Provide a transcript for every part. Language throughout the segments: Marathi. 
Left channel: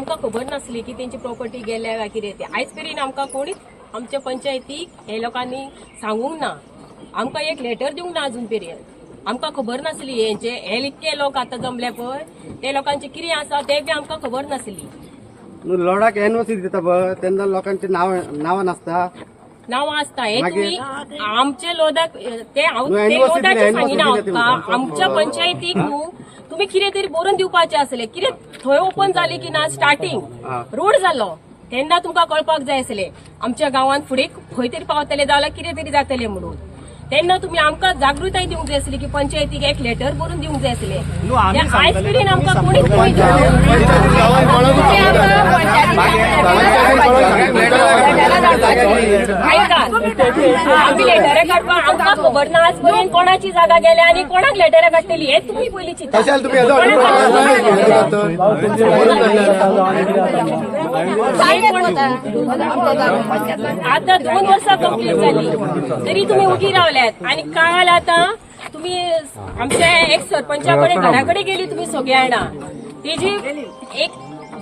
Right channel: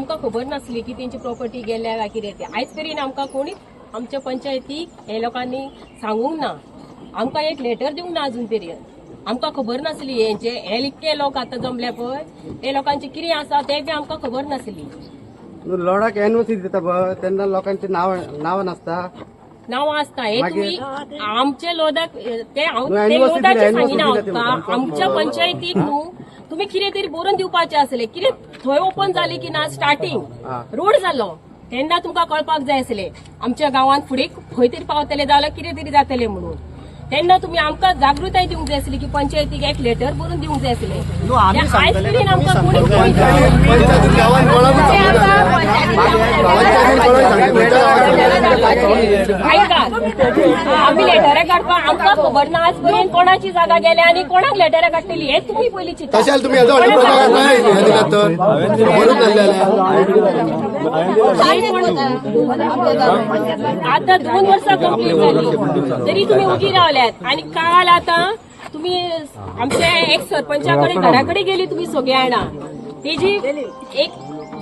आमकां खबर नासली की तेंची प्रॉपर्टी गेल्या काय कितें ते आयज मेरेन आमकां कोणीच आमच्या पंचायतीक हे लोकांनी सांगूंक ना, आमकां एक लेटर दिवंक ना अजून मेरेन. आमकां खबर नासली हे इतके लोक आतां जमले पळय ते लोकांचे कितें आसा ते बी आमकां खबर नासली. लोडाक एनओसी दिता पळय तेन्ना लोकांची नांवां नासता, नांवां आसता. हे तुम्ही आमच्या लोदाक ते लोदाचे सांगिना आमकां आमच्या पंचायतीक न्हू तुम्ही कितें तरी बरोवन दिवपाचे आसले. कितें थंय ओपन जाली की ना स्टार्टिंग रोड जालो तेन्ना तुमकां कळपाक जाय आसले आमच्या गांवांत फुडें खंय तरी पावतले जाल्यार कितें तरी जातले म्हणून. तेन्ना तुम्ही आमकां जागृताय दिवंक जाय आसली की पंचायतीक एक लेटर बरोवन दिवंक जाय आसले. आयज मेरेन आमकां कोणीच आम्ही लेटरां काडपाक आमकां खबर ना आज पर्यंत कोणाची जागा गेल्या आनी कोणाक लेटरां काडटली हेच तुम्ही पयलीं चिंता. आता 2 वर्सां कंप्लीट जाली तरी तुम्ही उगी रावल्यात. आणि काल आता तुम्ही आमच्या एक सरपंचाकडे घराकडे गेली तुम्ही सगळे जाणां. तेजी एक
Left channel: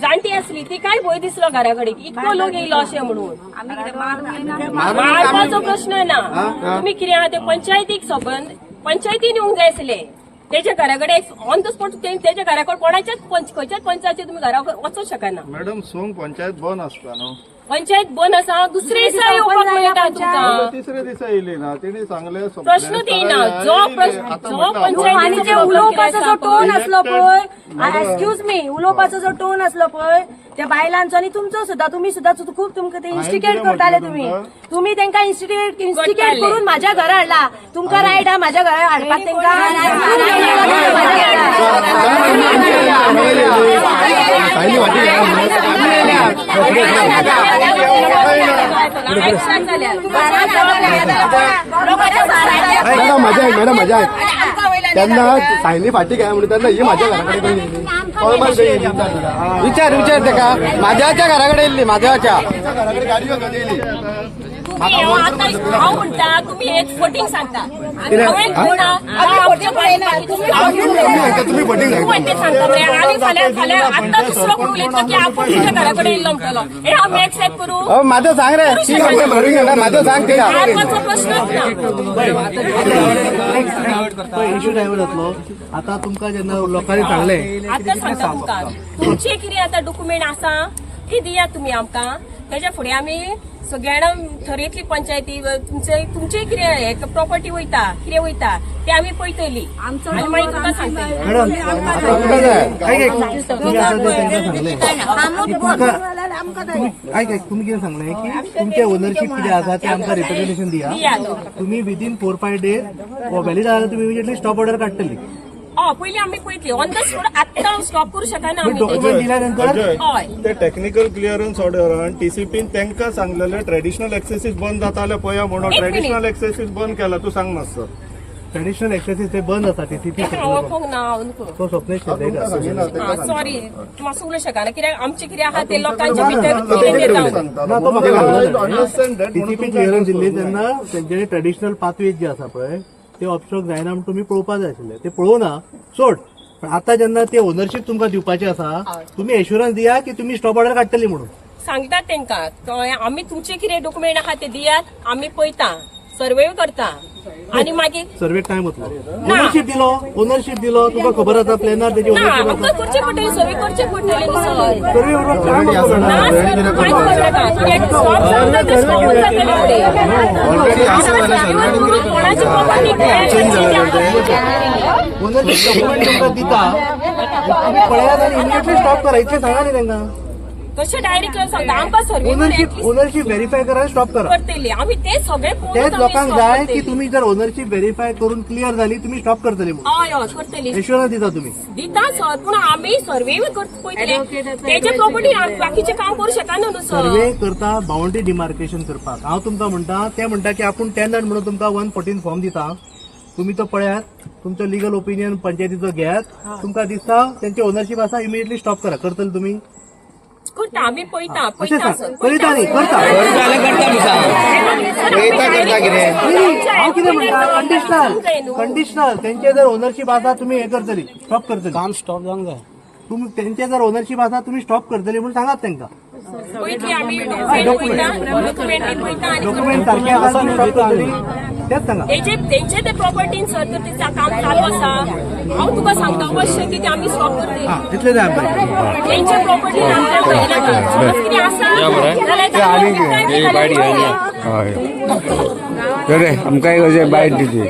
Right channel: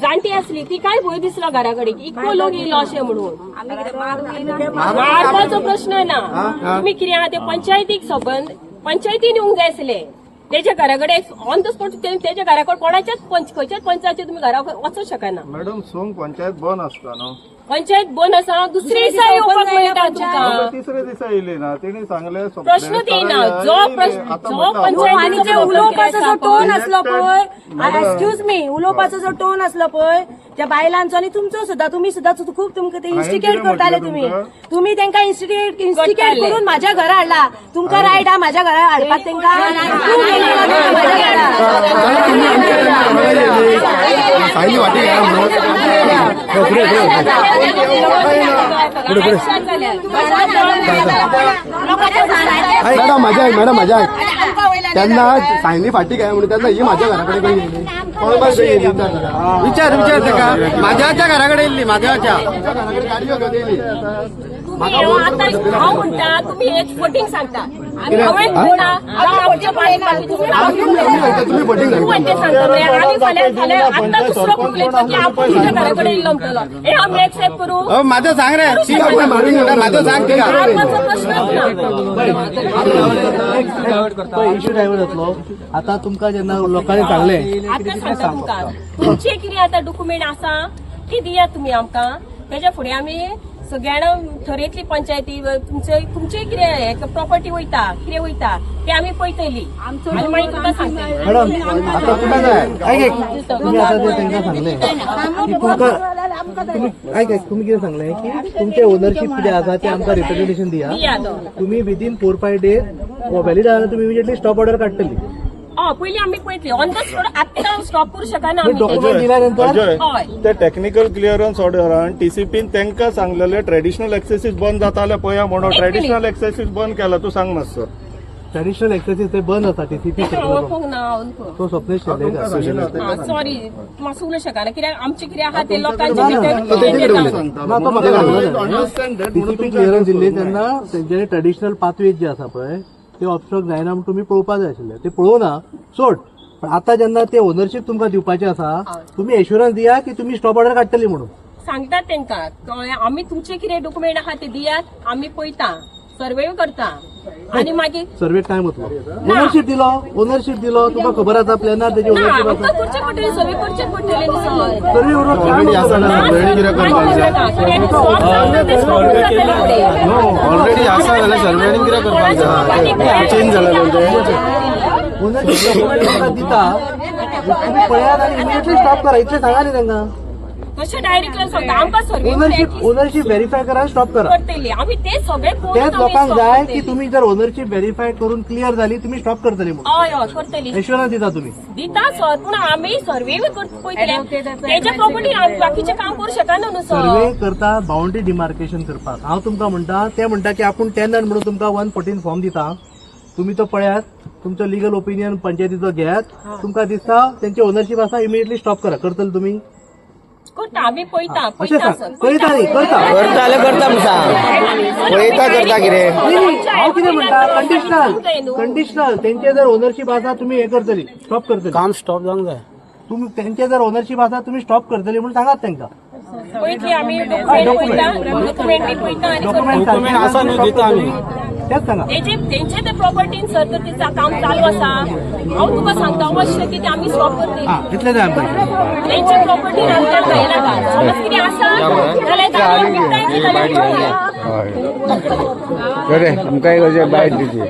जाणटी असली ती काय भंय दिसलो घराकडे इतको लोक येयलो अशें म्हणून. मारपाचो प्रश्न ना, तुम्ही कितें आहा ते पंचायतीक संबंध पंचायतीन येवंक जाय आसले. तेच्या घराकडे ऑन द स्पॉट तेच्या घराकडे कोणाच्याच खंयच्याच पंचायतीचे तुम्ही घरा वचूंक शकना. मॅडम सोंग पंचायत बंद आसता न्हू, पंचायत बंद आसा दुसरे दिसा येवपाक मेळटा तुमकां. तिसऱ्या दिसा येयली ना तेणी सांगले प्रश्न येयना जो पंचायतीचो उलोवपाचो जो टोन आसलो पळय, एक्सक्यूज मी, उलोवपाचो जो टोन आसलो पळय त्या बायलांचो आणि तुमचो सुद्धा तुम्ही सुद्धा खूप तुमकां ते इन्स्टिगेट करताले. तुम्ही तांकां इन्स्टिगेट करून माझ्या घरा हाडला. तुमकां रायट आहा माझ्या घरा हाडपाक तांकां माझ्या घरा. मॅडम माझ्या त्यांना सायली फाटी काय म्हणून त्यांना ही माझ्या घराकडे गेली. विचार का माझ्याच्या घराकडे येयली, माझ्याच्या घराकडे गाडी घेऊन येयली. हांव म्हणटा तुम्ही एक फोटिंग सांगता तुम्ही बोटिंग सांगता मरे आनी फाल्यां आतां दुसरो कोण उलयता की आपण तुझ्या घराकडे येयलो म्हणटलो हे आमी एक्सेप्ट करू. माझं सांग रे माझं सांग आत्माचो प्रश्नच ना. इश्यू डायव्हर्ट जातलो. आता तुमकां जेन्ना लोकांनी सांगले आतां सांगता तुमकां तुमचे कितें आतां डॉक्युमेंट आसा ती दियात तुमी आमकां. तेच्या फुडें आमी सगळ्यांना थरयतली पंचायती तुमचे कितें प्रॉपर्टी वयता कितें वयता ते आमी पळयतली आनी मागीर तुमकां सांगतली. तुम्ही कितें सांगले की तुमचे ओनरशिप कितें आसा ते आमकां रिप्रेझेंटेशन दिया. तुम्ही विदीन 4-5 डेज व्हॅलीड जाल्यार तुम्ही इमिजिएटली स्टॉप ऑर्डर काडटली. पयलीं आमी पळयतली ऑन द स्पॉट आत्तां स्टॉप करूं शकना आमी. डॉक्युमेंट दिल्यानंतर हय ते टेक्निकल क्लिअरन्स ऑर्डरान टीसीपीन तांकां सांगलेले ट्रेडिशनल एक्सेसीस बंद जाताले पळया म्हणून ट्रेडिशनल एक्सेसीस बंद केला. तू सांग मातसो. ट्रेडिशनल एक्सेसीस ते बंद आसा टीसीपी वळखूंक ना तो स्वप्नेश शेंद्रेकर. सॉरी मातसो उलोवं शकना कित्याक आमचे कितें आहा ते लोकांच्या भितर ना तो म्हाका टीसीपी क्लिअरन्स दिल्ली तेन्ना तेंचे ट्रेडिशनल पाथवेज जे आसा पळय ते ऑब्स्ट्रक्ट जायना म्हणून तुम्ही पळोवपाक जाय आशिल्ले. ते पळोवना सोड. पण आता जेन्ना ते ओनरशीप तुमकां दिवपाचे आसा तुम्ही एश्युरन्स दिया की तुम्ही स्टॉप ऑर्डर काडटली म्हणून. सांगतात तांकां आमी तुमचे कितें डॉक्युमेंट आहा ते दियात आमी पळयता सर्वे करता आणि मागीर सर्वे टायम वतलो. ओनरशीप दिलो तुका खबर आसा प्लॅनार तेजी ओनरशीप आमकां करचे पडटली सर्वे करचे पडटले सर. सर्वे उरलो टायम कोणाची प्रॉपर्टी ओनरशीप डॉक्युमेंट तुमकां दिता तुम्ही पळयात आनी इमिजिएटली स्टॉप करा इतलें सांगा न्ही तांकां. कशें डायरेक्ट सांगता आमकां सर्वे ओनरशीप व्हेरीफाय करा स्टॉप करा करतली आमी ते सगळे तेच लोकांक जाय की तुम्ही जर ओनरशीप व्हेरीफाय करून क्लिअर झाली तुम्ही स्टॉप करतली म्हणून. हय हय करतली एश्युरन्स दिता तुम्ही. दिता सर पूण आमी सर्वे पळयतले तेजे प्रॉपर्टी बाकीचे काम करूं शकना न्हू सर. सर्वे करता बाउंड्री डिमार्केशन करपाक. हांव तुमकां म्हणटा ते म्हणटा की आपूण टेनंट म्हणून तुमकां 114 फॉर्म दिता तुम्ही तो पळयात तुमचो लिगल ओपिनियन पंचायतीचो घेयात. तुमकां दिसता तेंची ओनरशीप आसा इमिजिएटली स्टॉप करा. करतले तुम्ही करता आमी पळयता अशें पळयता सांग. सर पळयता न्ही करता हांव कितें म्हणटा कंडिशनल तेंचे जर ओनरशीप आसा तुम्ही हे करतली स्टॉप करतली. काम स्टॉप जावंक जाय. तुम्ही त्यांचे जर ओनरशिप आसा तुम्ही स्टॉप करतले म्हणून सांगात त्यांना पळयतली आम्ही डॉक्युमेंटरी पळयता आणि डॉक्युमेंट सारखे आसा न्हू stop करतली. तेच सांगा तेंचे ते प्रॉपर्टीन सर तर तिचं काम चालू आसा हांव तुका सांगता अवश्य की ते आम्ही स्टॉप करतली हा तितले ते आमचे तेंचे प्रॉपर्टीन आमकां भयनाका समज कितें आसा जाल्यार ते आमी विकताय ती जाल्यार पळोवया. बरें तुमकां एक अशें बायट दिली